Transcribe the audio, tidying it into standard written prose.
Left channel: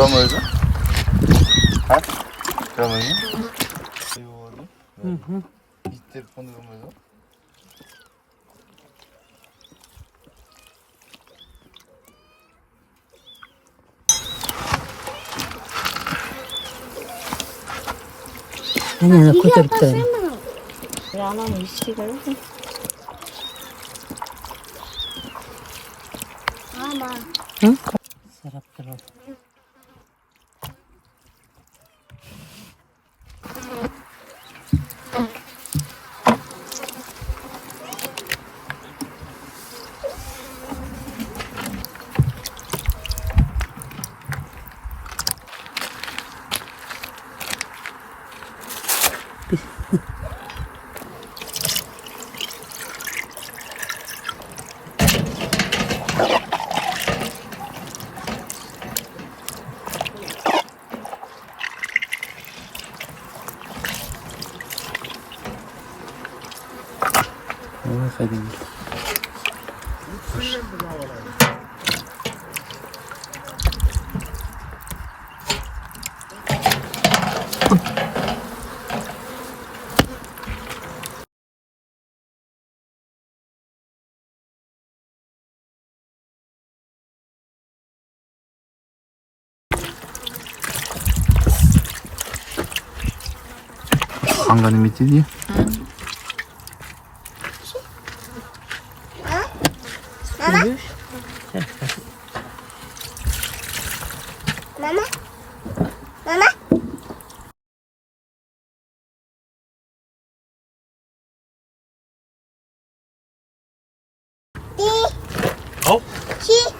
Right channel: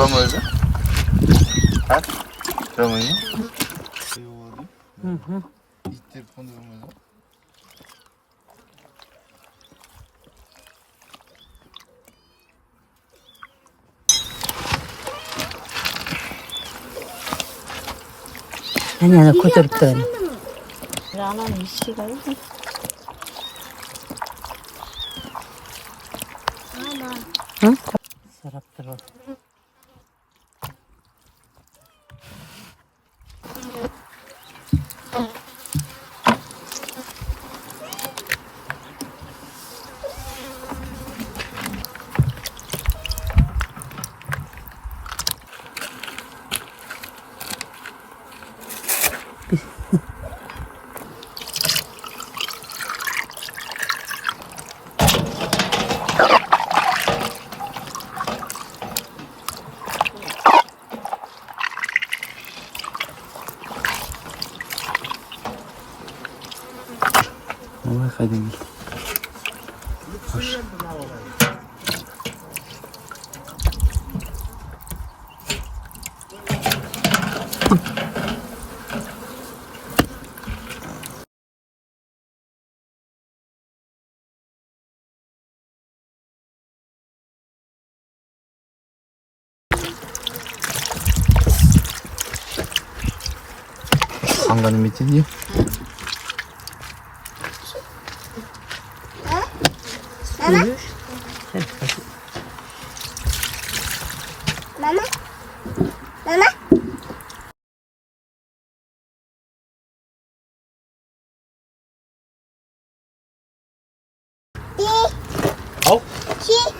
Görmedi. Ha? Görmedi. İlk telefonu görmedi. Hemen kudurtun. Yalan hiç şey değil mi? Hı? Saraptır o. Evet, değil. Ang galing di. Buyur. Mama? Mama? Oh. Chi?